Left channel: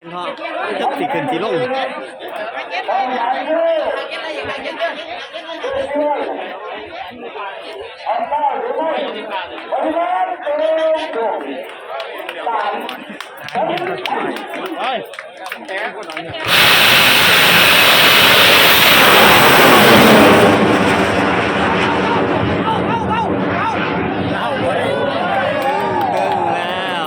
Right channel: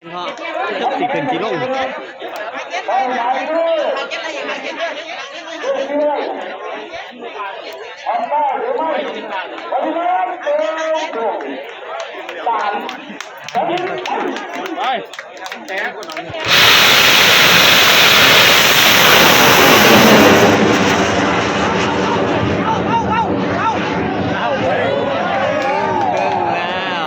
เพราะจักสิขึ้นสิลงไปไหนด้วยช่วยทำได้หรือไม่บริเวณเต็มตรงสามบริเวณเบิ่งแล้ว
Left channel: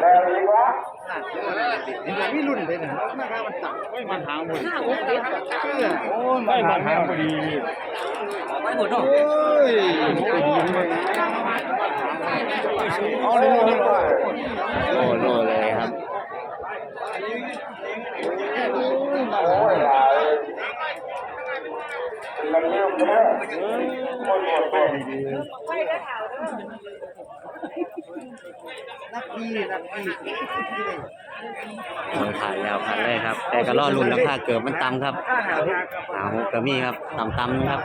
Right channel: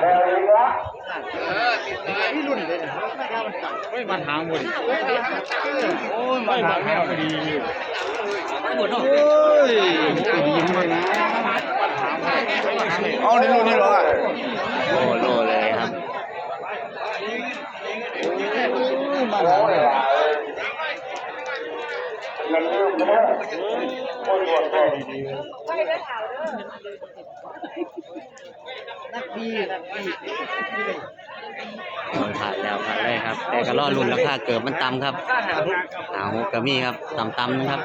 แล้วอีกละพี่ลิ้นเลยนะโอ้ยมาทางแนวดีโอ้ยตัวดีเลยเอาเลยเอาเลยโอ้โลเลยครับโอ้ยหลายมันเร็วนะโอ้ยปวดปวด นักพี่นักพี่โอ้ยผ่านแล้วผ่านเลยครับ แต่ก็รอลุ่นราคาเกิดมันต่ำครับหาหกก็มีครับต่ำๆนะครับ